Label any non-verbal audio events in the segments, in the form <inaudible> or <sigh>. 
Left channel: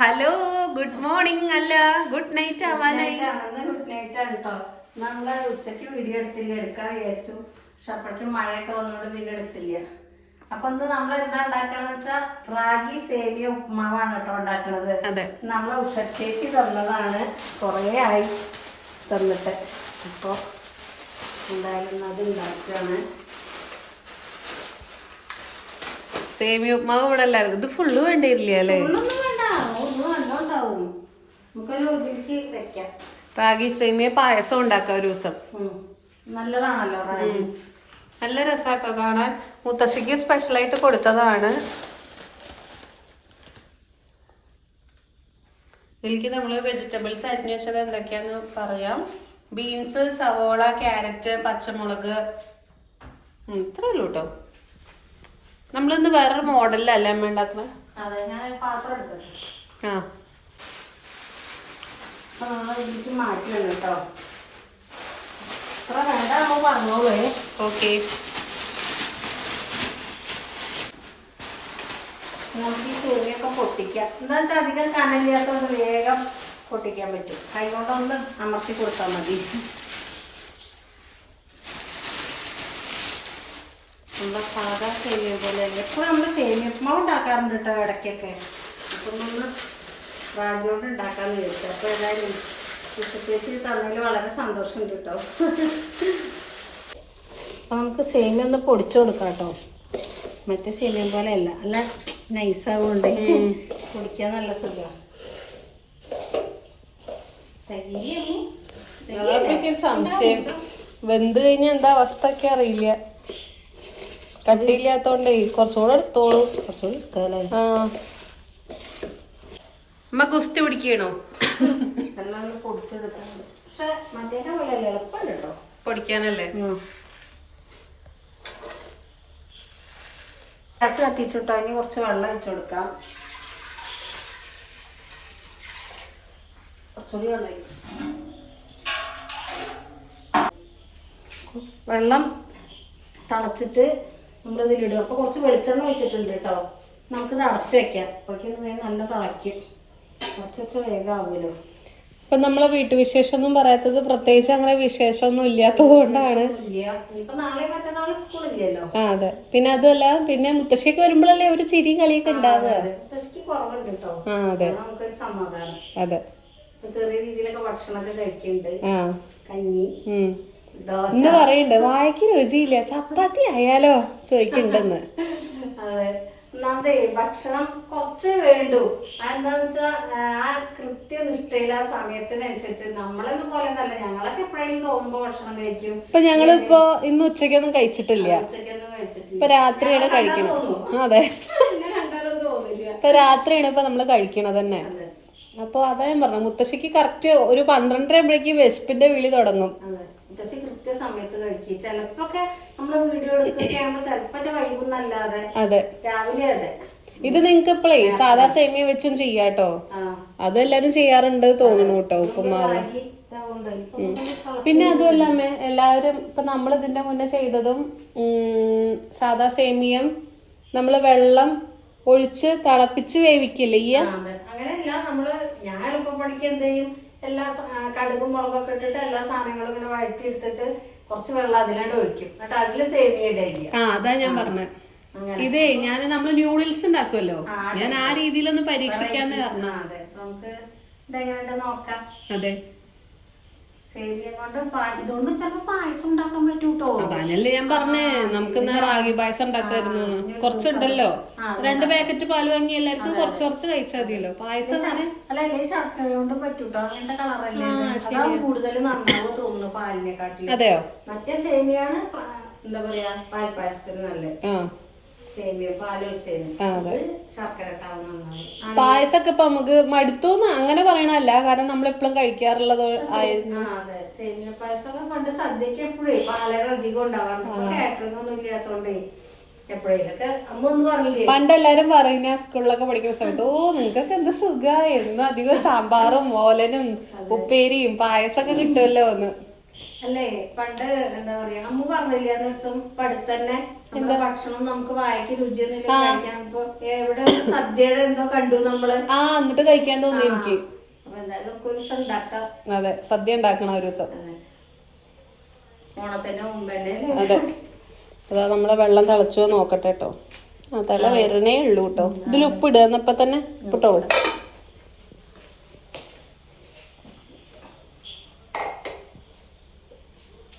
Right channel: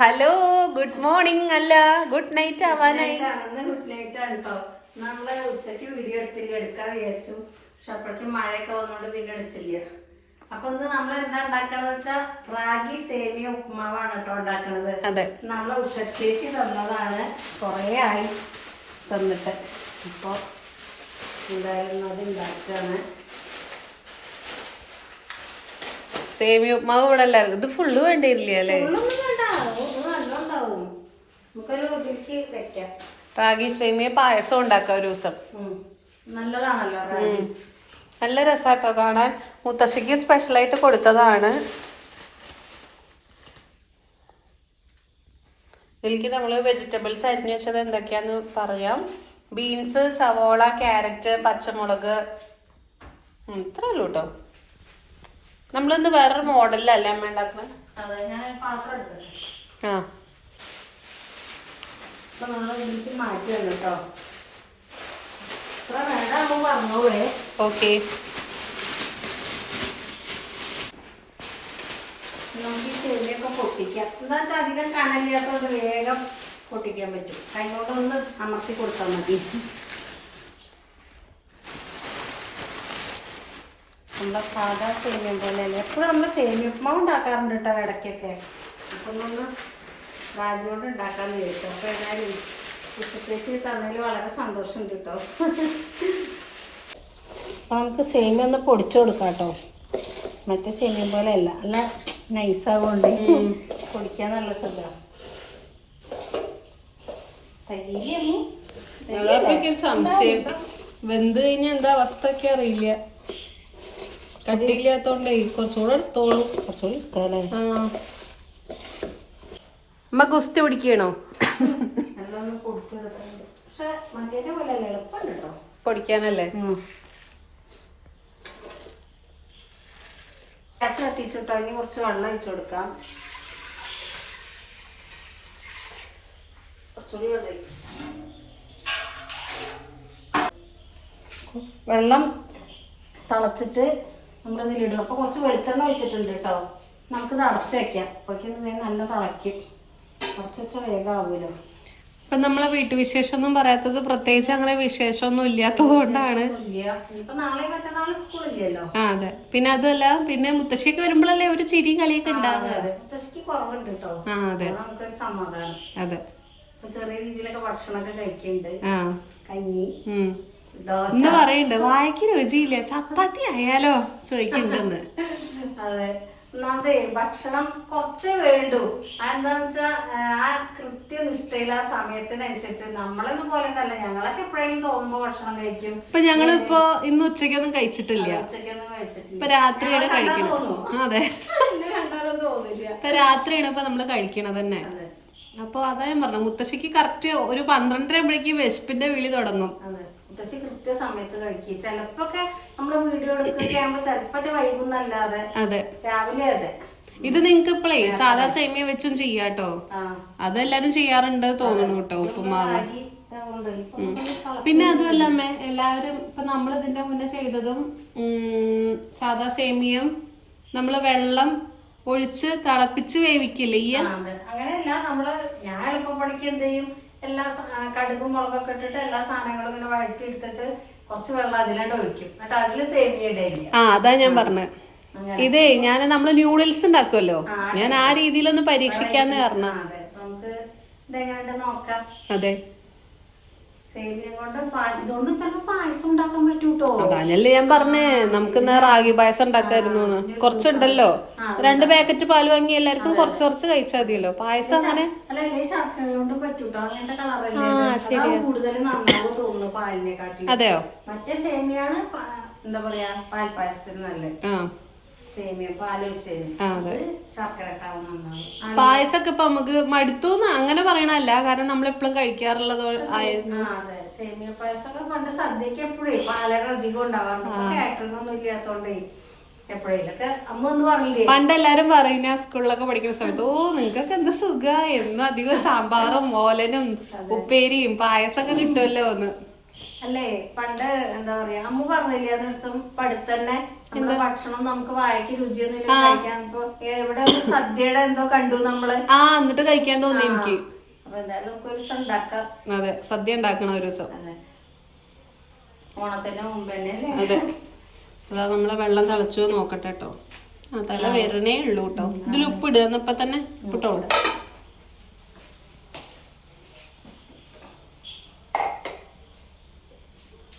Hello good morning അല്ല good night ആവാനായി. Good night ആണ് കേട്ടോ നമ്മൾ ഉച്ചയ്ക്ക് വീഡിയോ എടുത്തില്ല എടുക്കാൻ വിചാരിച്ചു. പക്ഷെ അപ്പോഴേക്കും മഴയൊക്കെ വന്നോണ്ട് പിന്നെ എടുത്തില്ല. അപ്പൊ എന്ത് നമ്മൾ എന്താ ഉണ്ടാക്കണെന്ന് വെച്ചാ റാഗി സേമിയ ഉപ്മാവാണ് കേട്ടോ ഉണ്ടാക്കണത്. നമ്മളെ ഉഷച്ചേച്ചി തന്നതാണ്. കുറേ ആയി തന്നിട്ട്. അപ്പൊ എന്തായാലും അത് ഉണ്ടാക്കുകയാണ് സേമിയ ഉപ്മാവ് ഇവിടെ എല്ലാവർക്കും. ഇത് ഫുള്ള് വേണ്ടിയില്ല അല്ലേ ഒന്നും വേണ്ട ഒന്നും നല്ലോണ്ടാവും നമുക്കൊരു ഇതിലേക്ക് വെക്കാം റാഗി സേമിയ പായസം ഉണ്ടാക്ക ഒരു ദിവസം. നല്ലതാണല്ലോ. നല്ല രസാട്ടോ കാണാൻ. മുത്തശ്ശിക്ക് സ്പെഷ്യലായിട്ട് കൊടുത്തതാണ്. ഇതിലേക്ക് നമ്മൾ വെജിറ്റബിൾസ് അരിഞ്ഞു വെച്ചത് എന്തൊക്കെയാന്ന് പറയാം. ബീൻസ് സവോള ക്യാരറ്റ് പച്ചമുളക്. ഇത്രേ ഉള്ളൂ കേട്ടോ നമ്മളിന്ന് വേറൊരു മോഡലിലല്ലേ അമ്മ ഉണ്ടാക്കുന്നത് ആ. അപ്പൊ നമ്മൾ ഇതിലേക്ക് മാറ്റുകയാണ് കേട്ടോ ഇത്ര വേണ്ട നമ്മൾ പറഞ്ഞോളേ. ഓക്കെ. നമുക്ക് ഈ ചെവിയൊക്കെ പൊട്ടിക്കാം. എന്താ വെച്ചാൽ അധികം കണ്ണില്ലാത്തതുകൊണ്ട് വേഗം പൊട്ടിക്കാൻ പറ്റും. കൈകൊണ്ടൊന്ന് അമർത്തി കൊടുത്താൽ മതി. നമ്മുടെ സാധാ സേമിയ പോലെ എപ്പോഴും നമ്മൾ സേമിയ ഉപ്മാവ് ഉണ്ടാക്കാറുണ്ട് കേട്ടോ ഇടയ്ക്കൊക്കെ. അപ്പം ഒന്ന് റാഗി കൊണ്ട് ഉണ്ടാക്കാന്ന് വിചാരിച്ചു അപ്പോൾ ഏതായാലും ഉച്ചത്തേക്ക് തന്നതിൽ വളരെ സന്തോഷമുണ്ട് കേട്ടോ. അപ്പൊ നമുക്ക് സേമിയ ഒന്ന് പൊടിച്ചു കൊടുക്കാം കേട്ടോ. മറ്റേ സേമിയ പോലെ അല്ല. അല്ല നൈസാവുകൊണ്ട് പൊടിക്കാൻ നല്ല സുഖം. സംശയം. വെന്ത് കഴിഞ്ഞാൽ എന്താ അവസ്ഥ ഒക്കെ അറിയില്ല. കട്ടിയില്ലാത്തോണ്ടേ കുറച്ചുകൂടെ എടുത്തോളൂ. ആ. അമ്മ ഗുസ്തി പിടിക്കണോ പൊടിക്കാനല്ലേ? ഗ്യാസ് കുറച്ച് വെള്ളം ഒഴിച്ചു കൊടുക്കാം. കുറച്ചുകൂടി വെള്ളം തിളച്ചിട്ട് നമ്മൾ ഇതിലിടും അപ്പോൾ കുറച്ച് വെളിച്ചെണ്ണ ഒഴിച്ചിട്ടുണ്ട് കേട്ടോ. നമുക്ക് അടച്ചു വെക്കാം. അപ്പോഴേക്കും നല്ല തിളയ്ക്കും. ഇപ്പൊ നമ്മളെ വീട്ടുവിശേഷം ഒന്നും പറയാത്തത് പ്രത്യേകിച്ച് അങ്ങനെ വിശേഷമൊന്നും ഇല്ലാത്തത് കൊണ്ടാണ്. ആ അതെ. പിന്നെ അതല്ല പിന്നെ മുത്തശ്ശിയൊക്കെ വരുമ്പോഴല്ലേ ഒരു ചിരി കളിയൊക്കെ ഉണ്ടാവുക. ആ അതെ. അതെ. ചെറിയ രീതിയിലൊക്കെ ഭക്ഷണമൊക്കെ കഴിക്കുന്നുണ്ട്. ആ. കഞ്ഞി ഇന്ന് പറയണ്ട് വാഴയ്ക്ക് രുചിയില്ല. ചപ്പാത്തി ആയാലോ ചോദിക്കണ്ടെന്ന് അതെ. ഒന്നാമതേ ഭക്ഷണം കുറച്ചേ വേണ്ടു. അതെന്താന്ന് വെച്ചാൽ ആ കൃത്യനിഷ്ഠയിൽ ആ സമയത്തിനനുസരിച്ച് നമ്മളെന്ന് പോലെ തന്നെ ഞങ്ങളൊക്കെ എപ്പോഴെങ്കിലും തോന്നുമ്പോ ഭക്ഷണം കഴിക്കും. ഇപ്പൊ ഞങ്ങളിപ്പോ ഇന്ന് ഉച്ചക്കൊന്നും കഴിച്ചിട്ടില്ല. ഉച്ചയ്ക്കൊന്നും കഴിച്ചിട്ടില്ല. ഇപ്പൊ രാത്രിയാണ് കഴിക്കണം അതെ. <laughs> എന്നെ കണ്ടാലും തോന്നില്ല. ഇപ്പൊ രാത്രിയാണ് ഇപ്പൊ നമ്മൾ കഴിക്കണത് തന്നെ. അപ്പൊ അതാ ഞാൻ പറഞ്ഞു മുത്തശ്ശിക്ക് കറക്റ്റ് ഒരു പന്ത്രണ്ടര ആകുമ്പോഴേക്കും വിശപ്പിന്റെ വിളി തുടങ്ങും. അതെ. മുത്തശ്ശി കൃത്യസമയത്ത് കഴിക്കും. ചിലപ്പോക്കെ നമ്മുടെ വീഡിയോ എടുക്കൊക്കെ ആകുമ്പോ ചിലപ്പോ വൈകുന്നല്ലാതെ അതെ. രാവിലെ അതെ. ഇത് നിങ്ങക്ക് ഇപ്പളേ സാധാ സേമിയ വെച്ചും ചെയ്യാട്ടോ? അതെല്ലാരും ചെയ്യാറുണ്ട് തോന്നുന്നു കേട്ടോ ഉപ്പുമാവ്. പിന്നെ അതുമല്ല അമ്മ എല്ലാവരും ഇപ്പൊ നമ്മൾ ഇതിന്റെ മുന്നേ ചെയ്തതും സാധാ സേമിയം നമ്മൾ വെള്ളം ഒഴിച്ച് തിളപ്പിച്ച് വേവിക്കില്ലേ ഈ. അങ്ങനെയല്ല നമ്മൾ ഞാൻ എളുപ്പപ്പണിക്ക് എന്ത് ചെയ്യും? എല്ലാ കടുകും മുളകൊക്കെ ഇട്ടിട്ട് എല്ലാ സാധനങ്ങളും ഇങ്ങനെ വഴറ്റി എടുത്തിട്ട് കുറച്ച് വെള്ളം അതിലോട്ട് ഒഴിക്കും. എന്നിട്ട് അതിൽ സേമിയ ഇടയില്ല ആ അതാ ഞാൻ പറഞ്ഞത് ഇതേ ഞാൻ നമ്മൾ ന്യൂഡിൽസ് ഉണ്ടാക്കുമല്ലോ ഞാൻ ആ രീതിയിലൊന്ന് പരീക്ഷിക്കാന്ന് പറഞ്ഞു. അതെ. നമുക്ക് ഇതെങ്ങനെ നോക്കാം. അതെ. സേമിയ കൊണ്ട് പാ- ഇതുകൊണ്ട് ചിലപ്പോ പായസം ഉണ്ടാക്കാൻ പറ്റൂട്ടോ. അതാണല്ലേ ഞാൻ പറഞ്ഞേ. നമുക്ക് ഇന്ന് റാഗി പായസം ഉണ്ടാക്കായിരുന്നു. കുറച്ചുണ്ടല്ലോ. രണ്ട് പാക്കറ്റ് പാൽ വാങ്ങി എല്ലാവർക്കും കുറച്ച് കുറച്ച് കഴിച്ചാൽ മതിയല്ലോ. പായസം അങ്ങനെ അല്ല ശർക്കര കൊണ്ടും പറ്റൂട്ടോ? അങ്ങനത്തെ കളറല്ലേ കൂടുതൽ നന്നാവ് തോന്നുന്നു പാലിനെക്കാട്ടിലും. അതെയോ? മറ്റേ സേമിയാണ് എന്താ പറയാ പാൽപ്പായസത്തിന് നല്ലത്. പായസൊക്കെ ഇപ്പൊ നമുക്ക് മടുത്തൂന്ന് അങ്ങനെ പറയണല്ല കാരണം നമ്മൾ എപ്പോഴും കഴിക്കാറുള്ളത് ആയിരുന്നു സേമിയ പായസമൊക്കെ പണ്ട് സദ്യക്ക് എപ്പോഴേ പാലട അധികം ഉണ്ടാവാറുണ്ട്. കാറ്ററിംഗ് ഒന്നും ഇല്ലാത്തോണ്ടേ പണ്ട് എല്ലാരും പറയുന്ന സ്കൂളിലൊക്കെ പഠിക്കുന്ന സമയത്ത് ഓ നിങ്ങൾക്കൊക്കെ എന്താ സുഖ? എന്നും അധികം സാമ്പാറും ഓലനും ഉപ്പേരിയും പായസൊക്കെ കിട്ടുമല്ലോ ഒന്ന് അല്ലേ? പണ്ട് എന്താ പറയാ അമ്മ പറഞ്ഞില്ലേ ദിവസം പടുത്തന്നെ നമ്മുടെ ഭക്ഷണം നമുക്ക് വായിക്ക് രുചിയൊന്നുമില്ല കഴിക്കാൻ എവിടെ സദ്യയുടെ എന്തോ കണ്ടു നമ്മൾ? ആ എന്നിട്ട് കഴിക്കാൻ തോന്നി എനിക്ക്. അപ്പൊ എന്തായാലും നമുക്ക് ഒരു ദിവസം ഉണ്ടാക്കാം. അതെ സദ്യ ഉണ്ടാക്കണ ഒരു ദിവസം. അതെ. അതെ. അതാ നമ്മളെ വെള്ളം തിളച്ചു നോക്കട്ടെ കേട്ടോ ആ തല വരണേ ഉള്ളൂ കേട്ടോ ഇതിൽ ഉപ്പ് ഇടുക എന്നപ്പോ തന്നെ ഉപ്പിട്ടോളൂ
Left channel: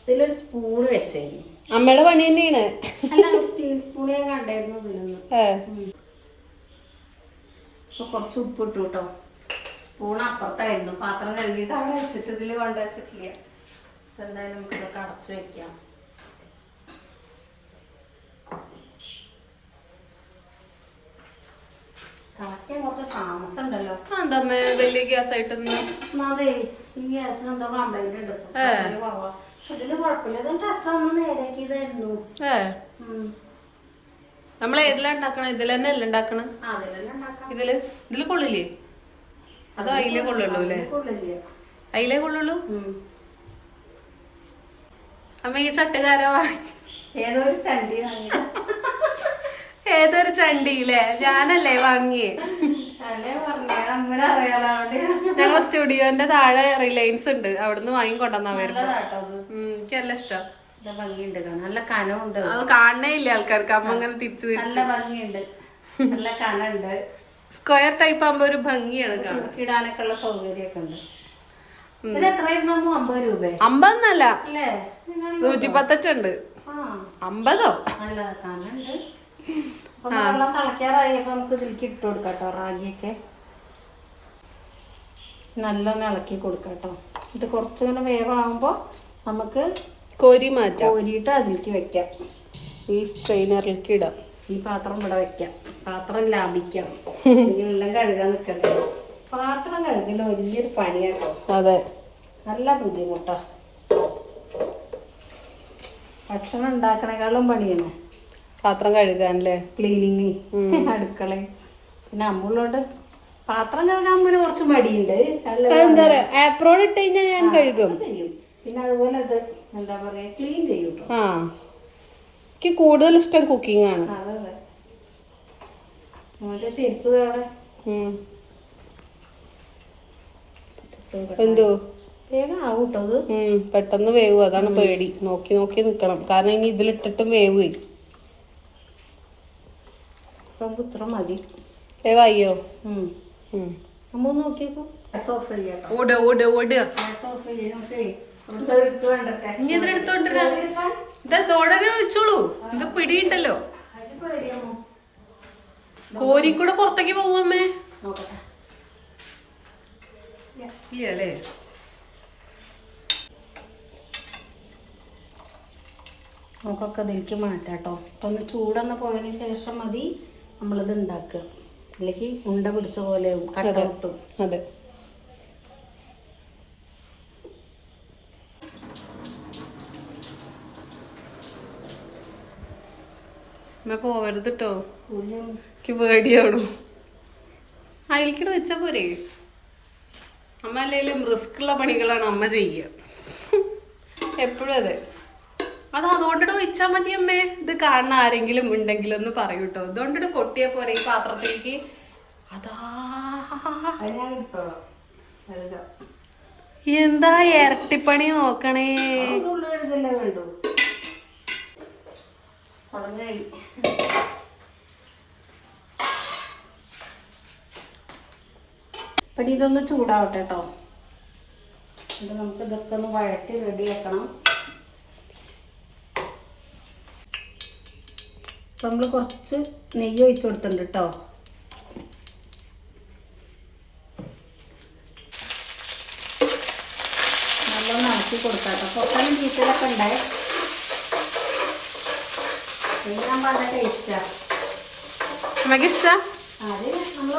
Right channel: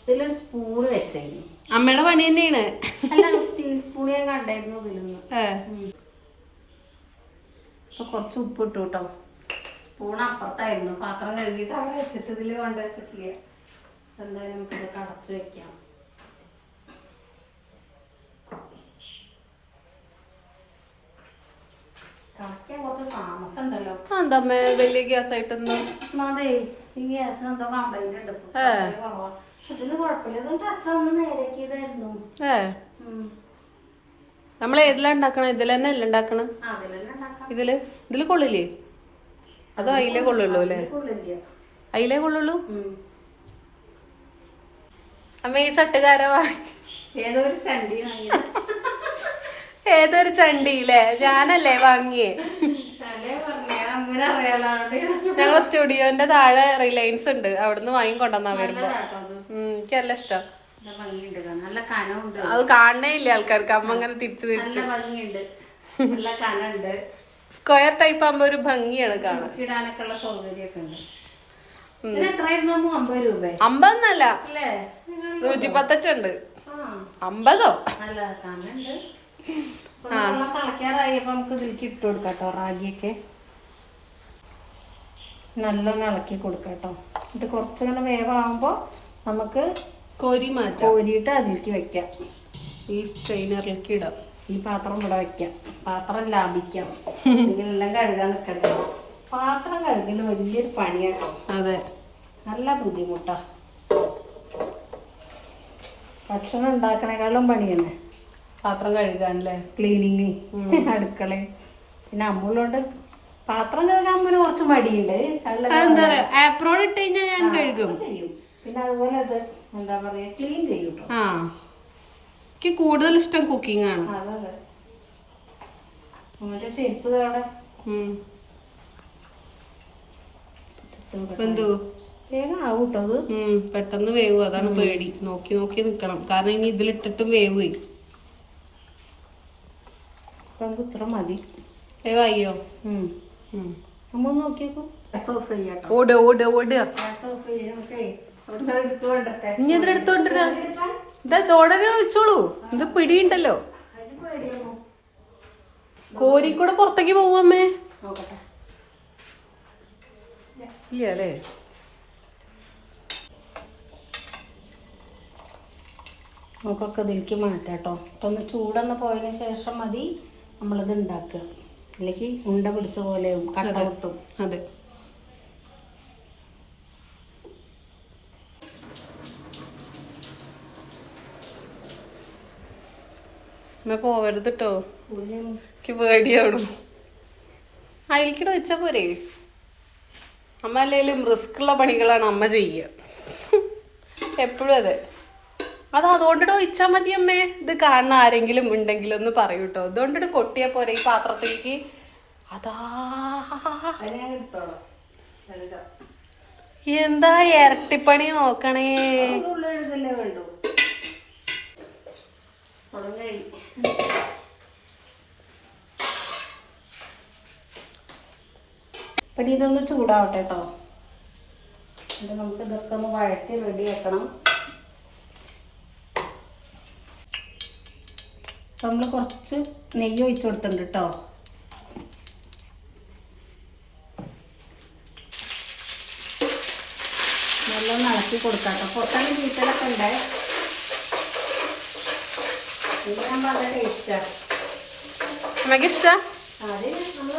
ഇതിലൊരു സ്പൂണ് വെച്ചേക്കും. അമ്മയുടെ പണി തന്നെയാണ്. സ്റ്റീൽ സ്പൂൺ ഞാൻ കണ്ടായിരുന്നു ഇതിലൊന്ന് കുറച്ച് ഉപ്പ് ഇട്ടു കേട്ടോ സ്പൂൺ അപ്പുറത്തായിരുന്നു. പാത്രം കഴുകിയിട്ട് അവിടെ വെച്ചിട്ട് ഇതിൽ കൊണ്ട് വെച്ചിട്ടില്ല? എന്തായാലും നമുക്ക് ഇതൊക്കെ അടച്ചു വെക്കാം. വലിയ ഗ്യാസ് ആയിട്ടൊന്നും അതെ ഈ ഗ്യാസിന് എന്തോ കംപ്ലൈന്റ് ഉണ്ട് നമ്മൾ ഏതിലാ ഉണ്ടാക്കണം? ഇതിൽ തന്നെ അല്ല ഉണ്ടാക്കണം? ഇതിൽ? ഇതിൽ കൊള്ളില്ലേ? അതോ അയിലേ കൊള്ളുള്ളൂ അല്ലേ? കൊള്ളില്ല. അയിലേ കൊള്ളുള്ളൂ. അമ്മ ഈ ചട്ടുകാര? വാങ്ങി ഏതോ ചണ്ടി ഏതൊരു ചണ്ടിയില്ലേ ഞാനല്ലേ വാങ്ങിയേ. ഞങ്ങളെ സ്റ്റുഡിയോന്റെ താഴെ റിലയൻസ് ഉണ്ട്. അവിടുന്ന് വാങ്ങി കൊണ്ടുവന്നാ വരുമ്പോ എനിക്ക് നല്ല ഇഷ്ടം അത് കാണണേ ഇല്ല ആൾക്കാർക്ക്. അമ്മ അങ്ങനെ തിരിച്ചു തിരിച്ചു. സ്ക്വയർ ടൈപ്പ് ആകുമ്പോ ഒരു ഭംഗിയാണ് കാണാൻ. ഇടാനൊക്കെ സൗകര്യമൊക്കെ ഉണ്ട്. ഇത് അമ്പതൊന്നല്ല. നൂറ്റി പത്തച്ചുണ്ട് അമ്പതോ? നല്ല നല്ലോണം ഇളക്കി കൊടുക്കാം കേട്ടോ. എന്നിട്ട് കുറച്ചുകൂടെ വേവാകുമ്പോ നമുക്ക് കോരി മാറ്റാം. കോരിയിട്ട് അതിലേക്ക് വെക്കാം. ഈ സ്ട്രെയിനറിലേക്ക് ഇടാം. ഈ പാത്രം ഇവിടെ വെക്കാം. പാത്രം ലാഭിക്കാം. <laughs> എല്ലാം കഴുകാൻ നിൽക്കട്ടെ പാത്രം കഴുകൽ വലിയൊരു പണിയാണ് അതെ. നല്ല ബുദ്ധിമുട്ടാ. ഭക്ഷണം ഉണ്ടാക്കണേക്കാളും പണിയാണ് പാത്രം കഴുകാനല്ലേ? ക്ലീനിങ് <laughs> അടുക്കള. പിന്നെ അമ്മൂലോണ്ട് പാത്രം കഴുകാൻ പിന്നെ കുറച്ച് മടിയുണ്ട്. എന്താ പറയാ? ആപ്രോൺ ഇട്ട് കഴിഞ്ഞാൽ ഞാൻ കഴുകും. ചെയ്യും. പിന്നെ അതുപോലെ അത് എന്താ പറയാ ക്ലീൻ ചെയ്യും കേട്ടോ ആ. എനിക്ക് കൂടുതൽ ഇഷ്ടം കുക്കിംഗ് ആണ്. അതെ മോന്റെ ചെരുപ്പ് അവിടെ ഉം. എന്തോ പെട്ടെന്ന് വേവ് അതാണ് പേടി. നോക്കി നോക്കി നിക്കണം. കാരണം ഇനി ഇതിലിട്ടിട്ടും വേവ് വേവായോ? ഓട് ഓട് ഓട്. ഇനി ഇതിലെടുത്തോണ്ടിരാ? ഇതാ തോടനെ ഒഴിച്ചോളൂ ഇത് പിടിയുണ്ടല്ലോ. കോരിക്കൂടെ പുറത്തേക്ക് നോക്കട്ടെ ഇല്ലേ നമുക്കൊക്കെ ഇതിലേക്ക് മാറ്റാട്ടോ ഒന്ന് ചൂടന്ന് പോയതിന് ശേഷം മതി. നമ്മളിത് ഉണ്ടാക്കുക. ഇല്ലെങ്കിൽ ഉണ്ട പിടിച്ച പോലെയാവും കട്ട. കിട്ടും അതെ. അമ്മ പോവരുത് കേട്ടോ എനിക്ക് പേടിയാണു. അതിലേക്കിടെ വെച്ചാ പോരെ. അമ്മ അല്ലെങ്കിലും റിസ്ക് ഉള്ള പണികളാണ് അമ്മ ചെയ്യുക എപ്പോഴും അതെ. അത് അതുകൊണ്ടിട്ട് ഒഴിച്ചാൽ മതി അമ്മേ. ഇത് കാണുന്ന ആരെങ്കിലും ഉണ്ടെങ്കിലും ഒന്ന് പറയൂ കേട്ടോ ഇതുകൊണ്ടിട്ട് കൊട്ടിയാ പോരെ ഈ പാത്രത്തിലേക്ക്. അതാ. എന്താ ഇരട്ടിപ്പണി നോക്കണേ ഉള്ള എഴുതല്ലേ വേണ്ടു ഉണങ്ങായി അപ്പം ഇതൊന്ന് ചൂടാവട്ടെ കേട്ടോ ഇത് നമുക്ക് ഇതൊക്കെ ഒന്ന് വഴറ്റി റെഡി ആക്കണം. അപ്പം നമ്മൾ കുറച്ച് നെയ്യ് ഒഴിച്ചു കൊടുത്തിട്ടുണ്ട് കേട്ടോ നല്ലോണം ഇളക്കി കൊടുക്കാം. പൊട്ടാനും ചീറ്റലൊക്കെ ഉണ്ടായി ഞാൻ പറഞ്ഞ ടേസ്റ്റാണ് അത് നമ്മൾ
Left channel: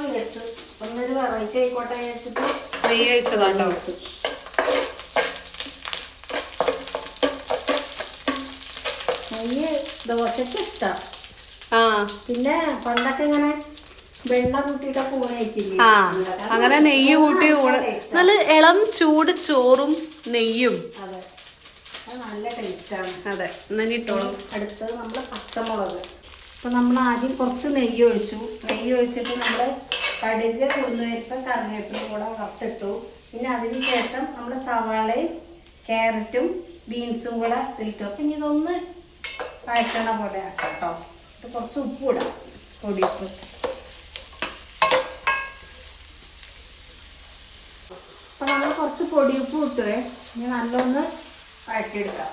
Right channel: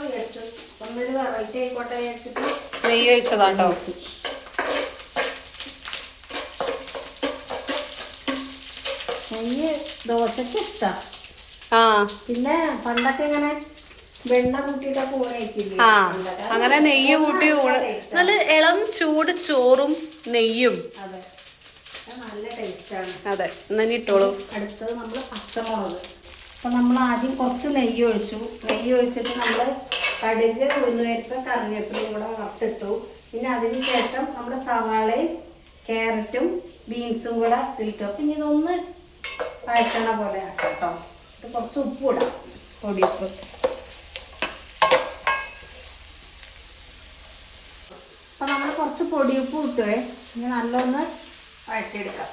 വിചാരിച്ചു. ഒന്നൊരു വെറൈറ്റി ആയിക്കോട്ടെ വിചാരിച്ചിട്ട് നെയ്യ് ഒഴിച്ചതാട്ടോ. നെയ്യ് ദോശക്ക് ഇഷ്ടം. ആ. പിന്നെ പണ്ടൊക്കെ ഇങ്ങനെ ആ. അങ്ങനെ നെയ്യ് കൂട്ടി ഊണ്. നല്ല ഇളം ചൂട് ചോറും നെയ്യും. അതെ. അതെ എന്നാ ഇനി ഇട്ടോളൂ. അടുത്തത് നമ്മൾ പച്ചമുളക്. അപ്പം നമ്മൾ ആദ്യം കുറച്ച് നെയ്യ് ഒഴിച്ചു. നെയ്യ് ഒഴിച്ചിട്ട് നമ്മൾ കടുക് ഉഴുന്നുപരിപ്പ് കറിവേപ്പിലും കൂടെ വറുത്തിട്ടു. പിന്നെ അതിന് ശേഷം നമ്മൾ സവാളയും ക്യാരറ്റും ബീൻസും കൂടെ ഇതിലിട്ടു അപ്പം ഇനി ഇതൊന്ന് വഴറ്റണ പോലെ ആക്കാം കേട്ടോ ഇത് കുറച്ച് ഉപ്പ് ഇടാം. പൊടിയുപ്പ്. അപ്പം നമ്മൾ കുറച്ച് പൊടിയുപ്പ് ഇട്ടേ. ഇനി നല്ലൊന്ന് വഴറ്റിയെടുക്കാം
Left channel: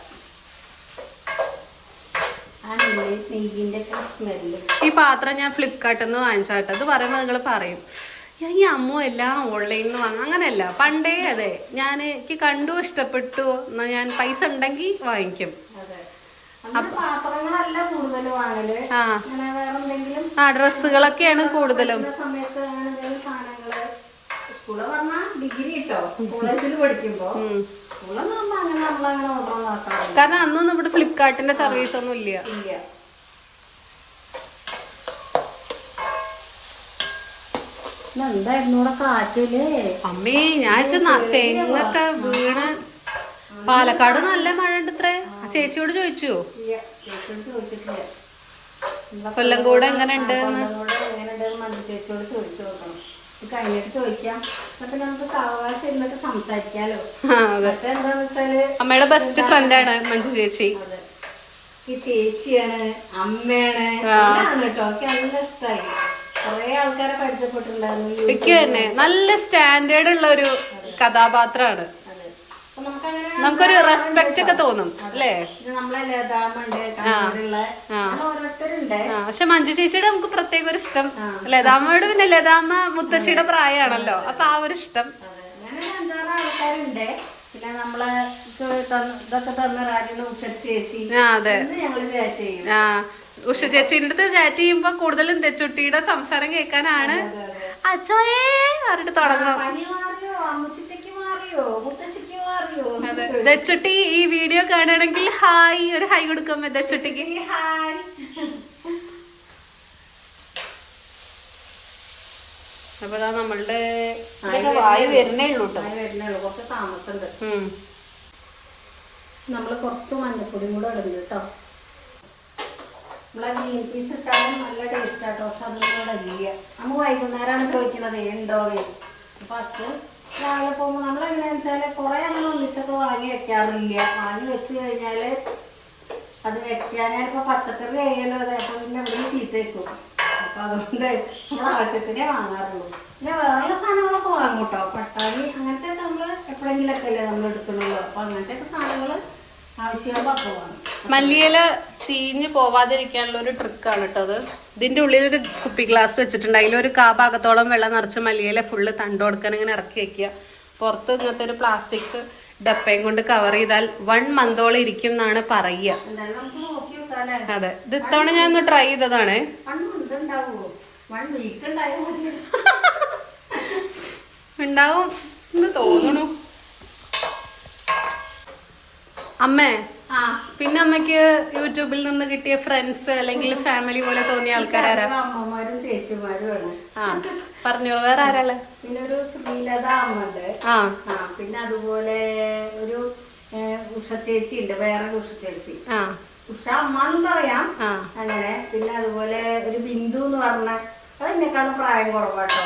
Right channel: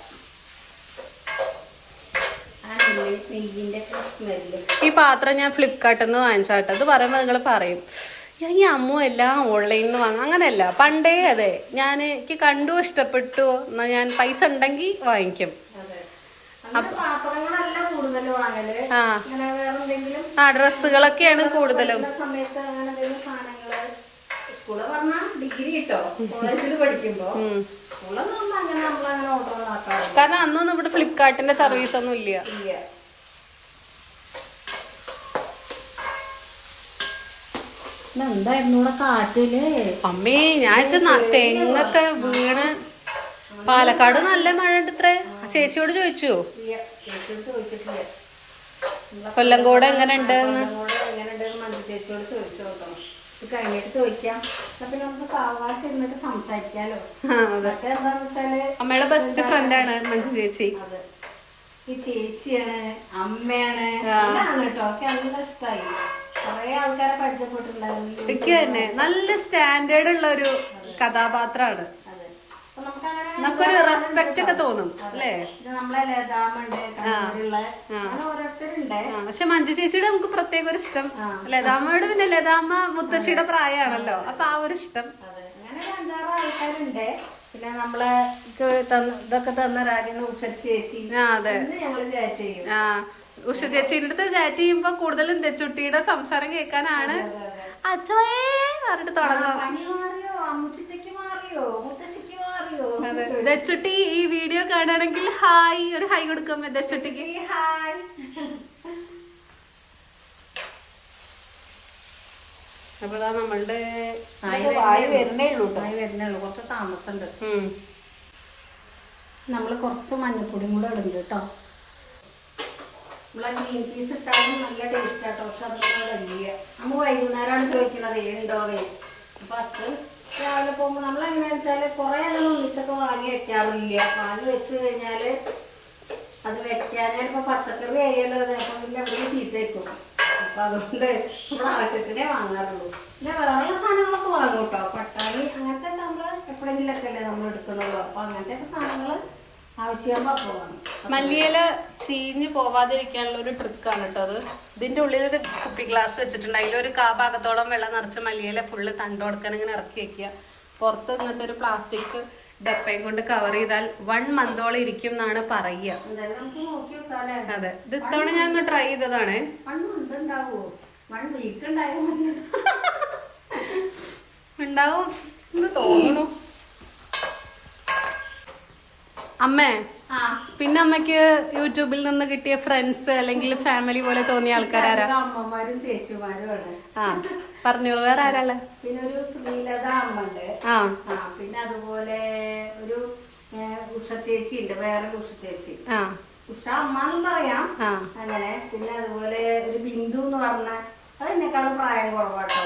ആ നെയ്യ് നെയ്യിന്റെ ഒക്കെ സ്മെല്ല് ഈ പാത്രം ഞാൻ ഫ്ലിപ്കാർട്ടിൽ നിന്ന് വാങ്ങിച്ചാട്ടെ അത് പറയുമ്പോൾ നിങ്ങൾ പറയും ഞാൻ ഈ അമ്മു എല്ലാം ഓൺലൈനിൽ നിന്ന് വാങ്ങും. അങ്ങനെയല്ല പണ്ടേ അതെ ഞാൻ എനിക്ക് കണ്ടു ഇഷ്ടപ്പെട്ടു എന്നാ ഞാൻ പൈസ ഉണ്ടെങ്കിൽ വാങ്ങിക്കും. ആ. ഡ്രസ്സുകളൊക്കെയാണ് കൂടുതലും. ഡിഗ്രി കിട്ടോ കോളേജിൽ പഠിക്കുമ്പോ കാരണം അന്നൊന്നും ഇവിടെ ഫ്ലിപ്കാർട്ടിന്റെ സർവീസ് ഒന്നും ഇല്ല. അമ്മേ ഞാൻ തെങ്ങൊക്കെ വീണ്. പാലക്കാട് നല്ല മഴ ഉണ്ട് ഇത്രേ. ആ ചേച്ചിയോട് ചോദിച്ചോ? ഇല്ല, ചേച്ചിയോട് ചോദിച്ചിട്ടില്ല. കൊല്ലംകോട് എങ്ങനെ ഉണ്ട് ചേച്ചിയോട് ചോദിച്ചു നോക്കണം. കഴിഞ്ഞിട്ട് ചോദിക്കാം. എന്നിട്ട് നമുക്ക് സാവകാശം ഇരുന്നിട്ട് സംസാരിക്കാലോ. എന്താന്ന് വെച്ചാൽ അമ്മയുടെ ബെസ്റ്റ് ഫ്രണ്ട് ആണ് മഞ്ജു ചേച്ചി. ഈ ചേച്ചിയാണ് അമ്മയാണ് കേട്ടോ. എനിക്ക് നല്ല ഇഷ്ടമായി കൊറേ ആൾക്കാരെ പരിചയപ്പെട്ടിട്ടുണ്ടായിരുന്നു. എനിക്ക് തന്നെ. നല്ല സ്റ്റാൻഡേർഡ് ഉള്ള ഒരു കഥാപാത്രമാണ്. നമുക്കൊരു റെസ്പെക്റ്റ് ഒക്കെ തോന്നും അല്ലേ? പക്ഷെ മഞ്ജു ചേച്ചിയുടെ നമുക്ക് പ്രത്യേക ഒരു ഇഷ്ടം. ലതാമ്മയോട് പിന്നെ ലതാമ്മ മുത്തശ്ശിയുടെ പ്രായമാണല്ലോ അപ്പൊ ആ ഒരു ഇഷ്ടം. ആൾക്കാരുണ്ട്. പിന്നെ നമ്മളെ ക്ക് തന്ന- ഇതൊക്കെ തന്ന രാജ്യം ഉഷ ചേച്ചി. ആ ചേച്ചിന്റെ അടുത്ത് ചാറ്റ് ചെയ്യുമ്പോ കൂടുതലും തെച്ചുട്ടിയുടെ സംസാരം കേൾക്കാനാണ്. അച്ഛോയേ പറഞ്ഞിട്ട് തുടങ്ങും. ദച്ചുട്ടി ഈ വീഡിയോ കാണുകയാണെങ്കിൽ ഹായ് ഒരു ഹായ് കൊടുക്കാം ദച്ചുട്ടിക്ക്? ഹായ്. അപ്പൊ ദാ നമ്മളുടെ വായു വായി വരുന്നേ ഉള്ളൂ. കുറച്ച് താമസമുണ്ട്. നമ്മൾ കുറച്ച് മഞ്ഞപ്പൊടിയും കൂടെ ഇടുന്നുണ്ട് കേട്ടോ. നമ്മളെ ഗ്രീൻ പീസ് ഇട്ടാലും നല്ല ടേസ്റ്റ് ആട്ടോ പക്ഷെ അതൊന്നും ഇല്ല. നമ്മൾ വൈകുന്നേരമാണ് ചോദിക്കണത് ഉണ്ടോ? അപ്പൊ അത് രാവിലെ പോകുമ്പോൾ നമ്മൾ എങ്ങനെയാണെന്ന് വെച്ചാൽ കുറേ അങ്ങനെ ഒന്നിച്ചൊക്കെ വാങ്ങി വെക്കാറില്ല വാങ്ങി വെച്ച് കഴിഞ്ഞാൽ അത് വെക്കാനാണ് ഇപ്പോൾ പച്ചക്കറി ആയാലും അതെ അപ്പോൾ പിന്നെ അവിടെ ചീത്ത വെക്കും. അപ്പൊ അതുകൊണ്ട് നമ്മൾ ആവശ്യത്തിനേ വാങ്ങാറുള്ളൂ. പിന്നെ വേറെയുള്ള സാധനങ്ങളൊക്കെ വാങ്ങും കേട്ടോ പട്ടാണി അങ്ങനത്തെ നമ്മൾ എപ്പോഴെങ്കിലൊക്കെ അല്ലേ നമ്മൾ എടുക്കണുള്ളൂ. അപ്പൊ അങ്ങനത്തെ ഒക്കെ സാധനങ്ങൾ ആവശ്യമാകുമ്പോൾ അപ്പോൾ വാങ്ങും മല്ലിയില ചീഞ്ഞ് പോവാതിരിക്കാനുള്ള ഒരു ട്രിക്കാണ് കേട്ടോ അത്. ഇതിന്റെ ഉള്ളിൽ ഒരു കുപ്പി ഗ്ലാസ് വെച്ചിട്ടുണ്ട്. അതിലൊരു കാ ഭാഗത്തോളം വെള്ളം നിറച്ച് മല്ലിയില ഫുള്ള് തണ്ട് കൊടുക്കാൻ ഇങ്ങനെ ഇറക്കി വെക്കുക. പുറത്ത് ഇങ്ങനത്തെ ഒരു പ്ലാസ്റ്റിക് ഡപ്പയും കൊണ്ട് കവർ ചെയ്താൽ വൺ മന്തോളം ഇരിക്കും എന്നാണ് പറയുക. അതെ. ഇത് ഇത്തവണ ഞാൻ ഒന്ന് ട്രൈ ചെയ്തതാണ്. <laughs> ഉണ്ടാവും എന്ന് തോന്നുന്നു അമ്മേ പിന്നെ അമ്മയ്ക്ക് യൂട്യൂബിൽ നിന്ന് കിട്ടിയ ഫ്രണ്ട്സ് അല്ലെങ്കിൽ ഫാമിലി പോലെ തോന്നിയ ആൾക്കാരാരാ? അമ്മമാരും ചേച്ചിമാരുമാണ് ആ പറഞ്ഞോളൂ വേറെ ആരാൾ? പിന്നെ ഒരു ശ്രീലത അമ്മണ്ട്. ആ. പിന്നെ അതുപോലെ ഒരു ഉഷ ചേച്ചി ഉണ്ട് വേറെ ഉഷ ചേച്ചി. ആ. ഉഷ അമ്മ എന്ന് പറയാം. അങ്ങനെ പിന്നെ അതുപോലെ ഒരു ബിന്ദു എന്ന് പറഞ്ഞ അത് എന്നെക്കാളും പ്രായം കുറവാട്ടോ.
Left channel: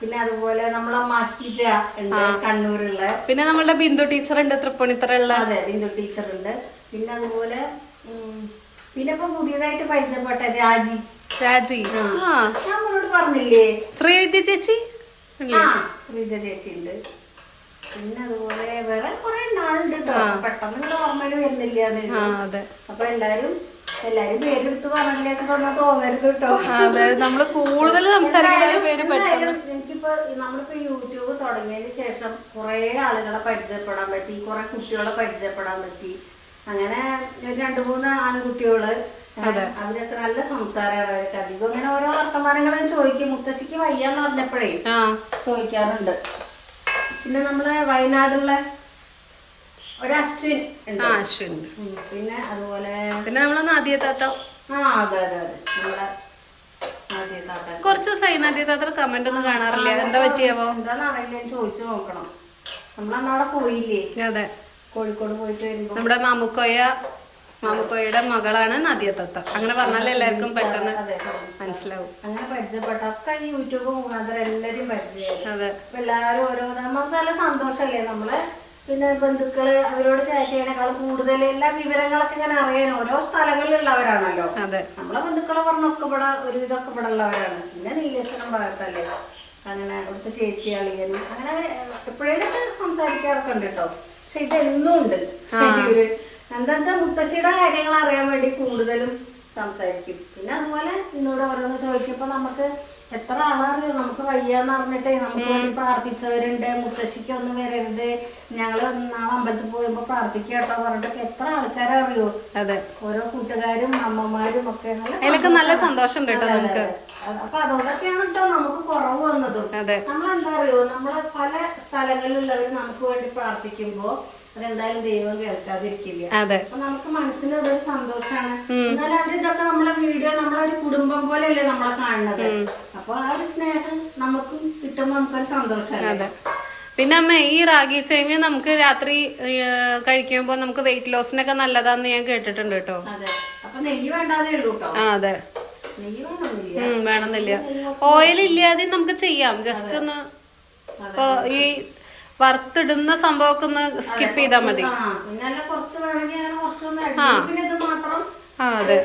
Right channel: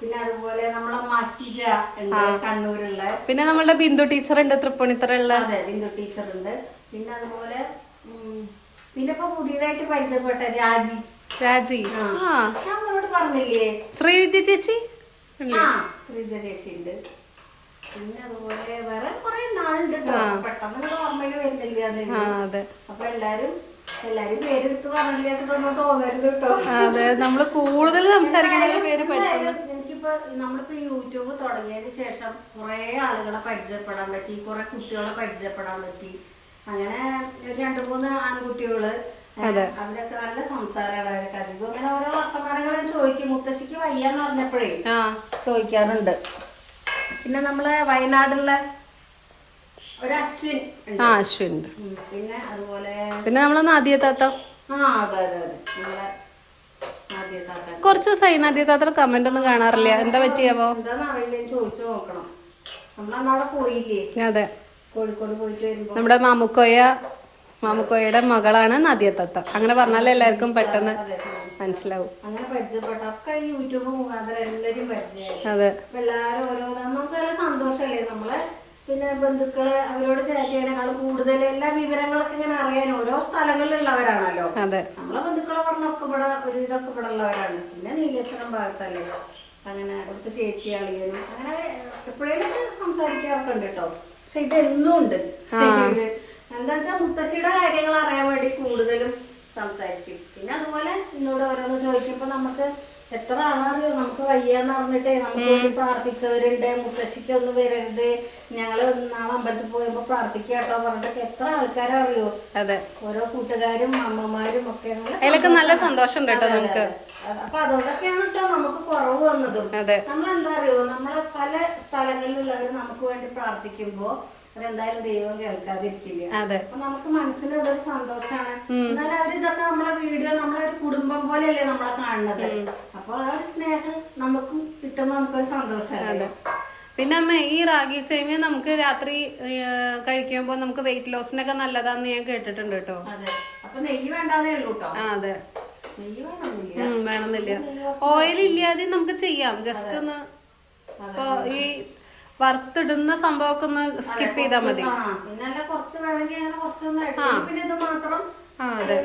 പിന്നെ അതുപോലെ നമ്മളെ മഹിജ ഉണ്ട് കണ്ണൂരുള്ള. പിന്നെ നമ്മളുടെ ബിന്ദു ടീച്ചർ ഉണ്ട് തൃപ്പൂണിത്തറുള്ള അതെ ബിന്ദു ടീച്ചർ ഉണ്ട്. പിന്നെ അതുപോലെ പിന്നെ ഇപ്പൊ പുതിയതായിട്ട് പരിചയപ്പെട്ട രാജി. രാജി. ആ. നമ്മളോട് പറഞ്ഞില്ലേ? ശ്രീവിദ്യ ചേച്ചി? ശ്രീവിദ്യ ചേച്ചി ഉണ്ട്. പിന്നെ അതുപോലെ വേറെ കുറെ നാളുണ്ട് പെട്ടെന്ന് ഓർമ്മയിൽ വരുന്നില്ല അതെ. അപ്പൊ എല്ലാരും അതെ നമ്മൾ കൂടുതൽ സംസാരിക്കുന്ന പേര് പെട്ടെന്ന്. എനിക്കിപ്പോ നമ്മളിപ്പോ യൂട്യൂബ് തുടങ്ങിയതിന് ശേഷം കുറെ ആളുകളെ പരിചയപ്പെടാൻ പറ്റി കുറെ കുട്ടികളെ പരിചയപ്പെടാൻ പറ്റി. അങ്ങനെ രണ്ടു മൂന്ന് ആൺകുട്ടികൾ. അവരൊക്കെ നല്ല സംസാരമാണ് അവരൊക്കെ. അധികം അങ്ങനെ ഓരോ വർത്തമാനങ്ങളും ചോദിക്കും. മുത്തശ്ശിക്ക് വയ്യാന്ന് പറഞ്ഞപ്പോഴേ ചോദിക്കാറുണ്ട്. പിന്നെ നമ്മളെ വയനാടുള്ള ആ അശ്വിൻ. പിന്നെ അതുപോലെ പിന്നെ നമ്മളെ നാദിയ താത്ത. കുറച്ച് ദിവസമായി നാദിയ താത്ത കമന്റ് ഒന്നും കാണാറില്ല. എന്താ പറ്റിയാവോ? ചോദിച്ചു നോക്കണം. നമ്മളന്നവിടെ പോയില്ലേ? അതെ കോഴിക്കോട് പോയിട്ട് നമ്മുടെ മാമുക്കോയ മാമുക്കോയുടെ മകളാണ് നദിയ തത്ത. അങ്ങനെ പറഞ്ഞാലേ എല്ലാവർക്കും പെട്ടെന്ന് മനസ്സിലാവും. അങ്ങനെ പരിചയപ്പെട്ട ഒക്കെ യൂട്യൂബ് മുഖാന്തരം എല്ലാരും പരിചയം അതെ. എല്ലാവരും ഓരോ നമുക്ക് നല്ല സന്തോഷല്ലേ നമ്മൾ പിന്നെ ബന്ധുക്കൾ അവരോട് ചാറ്റ് ചെയ്യണേക്കാൾ കൂടുതൽ എല്ലാ വിവരങ്ങളൊക്കെ ഇങ്ങനെ അറിയാൻ ഓരോ സ്ഥലങ്ങളിലുള്ളവരാണല്ലോ. നമ്മളെ ബന്ധുക്കളെ പറഞ്ഞൊക്കെ ഇവിടെ ഒരു ഇതൊക്കെ ഇവിടെ ഉള്ളവരാണ്. പിന്നെ നീലേശ്വരം ഭാഗത്തല്ലേ. അങ്ങനെ അവിടുത്തെ ചേച്ചി അളിയനും അങ്ങനെ എപ്പോഴേലും സംസാരിക്കാറൊക്കെ ഉണ്ട് കേട്ടോ. പക്ഷെ ഇതെന്നും ഉണ്ട്. എന്താ വെച്ചാൽ മുത്തശ്ശിയുടെ കാര്യങ്ങൾ അറിയാൻ വേണ്ടി കൂടുതലും സംസാരിക്കും. പിന്നെ അതുപോലെ എന്നോട് ഓരോന്ന് ചോദിക്കുമ്പോ നമുക്ക് എത്ര ആളറിയോ നമുക്ക് വയ്യാന്ന് പറഞ്ഞിട്ടേ നമുക്ക് പ്രാർത്ഥിച്ചവരുണ്ട് മുത്തശ്ശിക്ക് ഒന്നും വരരുത്. ഞങ്ങൾ നാളെ അമ്പലത്തിൽ പോയപ്പോ പ്രാർത്ഥിക്കുക കേട്ടോ പറഞ്ഞിട്ടൊക്കെ എത്ര ആൾക്കാരറിയോ? അതെ. ഓരോ കൂട്ടുകാരും അമ്മമാരും ഒക്കെ നല്ല അതിലൊക്കെ നല്ല സന്തോഷം കേട്ടോ നമുക്ക്. അപ്പൊ അതുകൊണ്ടൊക്കെയാണ് കേട്ടോ നമുക്ക് കുറവ് വന്നതും. നമ്മൾ എന്താ അറിയോ? നമ്മൾ പല സ്ഥലങ്ങളിലുള്ളവർ നമുക്ക് വേണ്ടി പ്രാർത്ഥിക്കുമ്പോ അതെന്തായാലും ദൈവം കേൾക്കാതിരിക്കില്ല? അപ്പൊ നമുക്ക് മനസ്സിന് അതൊരു സന്തോഷമാണ് എന്നാൽ നമ്മളെ വീഡിയോ കുടുംബം പോലെയല്ലേ നമ്മളെ കാണുന്നത്? അപ്പൊ ആ ഒരു സ്നേഹം നമുക്ക് കിട്ടുമ്പോ നമുക്കൊരു സന്തോഷമാണ് അതെ. പിന്നെ അമ്മ ഈ റാഗി സേമിയ നമുക്ക് രാത്രി കഴിക്കുമ്പോൾ നമുക്ക് വെയിറ്റ് ലോസിനൊക്കെ നല്ലതാന്ന് ഞാൻ കേട്ടിട്ടുണ്ട് കേട്ടോ. അതെ. ആ വേണമെന്നില്ല. ഓയിൽ ഇല്ലാതെ നമുക്ക് ചെയ്യാം. ജസ്റ്റ് ഒന്ന് ഇപ്പൊ ഈ വറുത്തിടുന്ന സംഭവമൊക്കെ ഒന്ന് സ്കിപ്പ് ചെയ്താൽ മതി. ആ അതെ.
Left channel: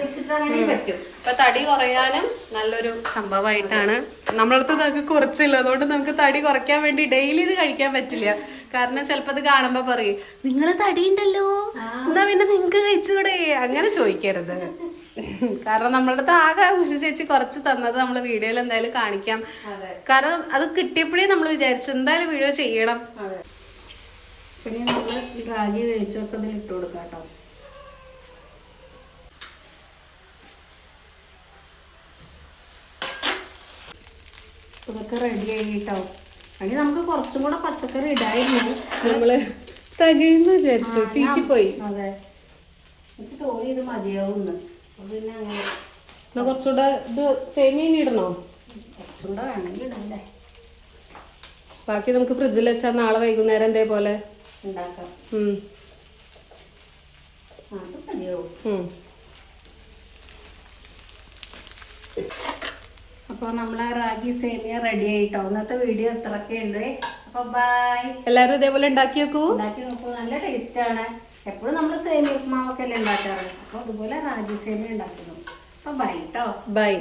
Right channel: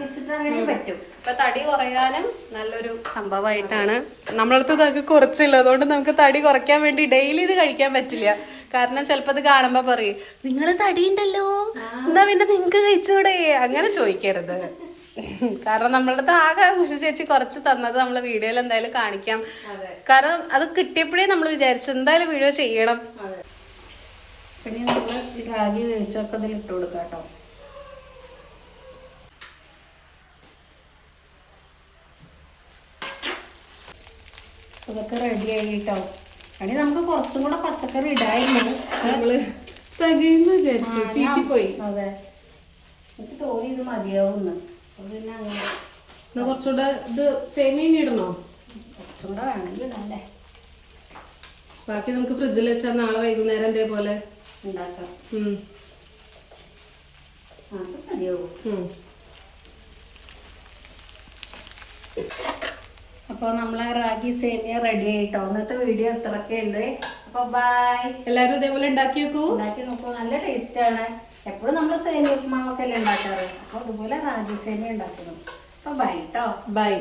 ഇപ്പൊ തടി കുറയാനും നല്ലൊരു സംഭവമായിട്ടാണ്. നമ്മളടുത്ത് ഇതൊക്കെ കുറച്ചില്ല. അതുകൊണ്ട് നമുക്ക് തടി കുറയ്ക്കാൻ വേണ്ടി ഡെയിലി ഇത് കഴിക്കാൻ പറ്റില്ല. കാരണം ചിലപ്പോ ഇത് കാണുമ്പോ പറയും നിങ്ങൾ തടിയുണ്ടല്ലോ. എന്നാ പിന്നെ നിങ്ങക്ക് കഴിച്ചൂടെ? അങ്ങനെ ചോദിക്കരുത്. കാരണം നമ്മളുടെ ആകെ ഉഷ ചേച്ചി കുറച്ച് തന്നത് നമ്മൾ വീഡിയോയിൽ എന്തായാലും കാണിക്കാം. കാരണം അത് കിട്ടിയപ്പോഴേ നമ്മൾ വിചാരിച്ചു എന്തായാലും വീഡിയോ ചെയ്യണം. പിന്നെ നമ്മൾ ഈ റാഗി വേവിച്ചൊക്കെ ഇതിൽ ഇട്ട് കൊടുക്കാം കേട്ടോ. ഇതൊക്കെ റെഡി ആയി കേട്ടോ അല്ലെങ്കിൽ നമുക്ക് കുറച്ചും കൂടെ പച്ചക്കറി ഇടായിരുന്നു. നമ്മൾ തകയെന്ന് വിചാരിച്ചു. ചീറ്റിപ്പോയി. അതെ. എനിക്ക് തോന്നി ഇത് മതിയാവുന്ന്. അപ്പൊ പിന്നെ അങ്ങനെ എന്നാ കുറച്ചുകൂടെ ഇത് സേമിയ ഇടണോ? കുറച്ചുകൂടെ വേണമെങ്കിൽ ഇടണ്ടേ ബാക്കി നമുക്ക് ഫ്രിഡ്ജിൽ വെച്ചാൽ നാളെ വൈകുന്നേരം ഇതേപോലെ ഉണ്ടാക്കാം. അത് മതിയാവും. അപ്പോൾ നമ്മളെ റാഗി സേമിയ റെഡി ആയിട്ടോ? ഇന്നത്തെ വീഡിയോ ഇത്രയൊക്കെ ഉണ്ട്. അപ്പോൾ ബൈ എല്ലാരും ഇതേപോലെ ഉണ്ടാക്കി വെക്കൂ ഉണ്ടാക്കി നോക്കൂ. നല്ല ടേസ്റ്റ് ആണ്. എപ്പോഴും നമ്മൾ സേമിയ ഉപ്പുമാവൊക്കെ അല്ലേ ഉണ്ടാക്കാറ്. അപ്പോൾ അതുപോലെ റാഗി സേമിയ ഉണ്ടാക്കുന്നു അപ്പോൾ ബൈ കേട്ടോ ബൈ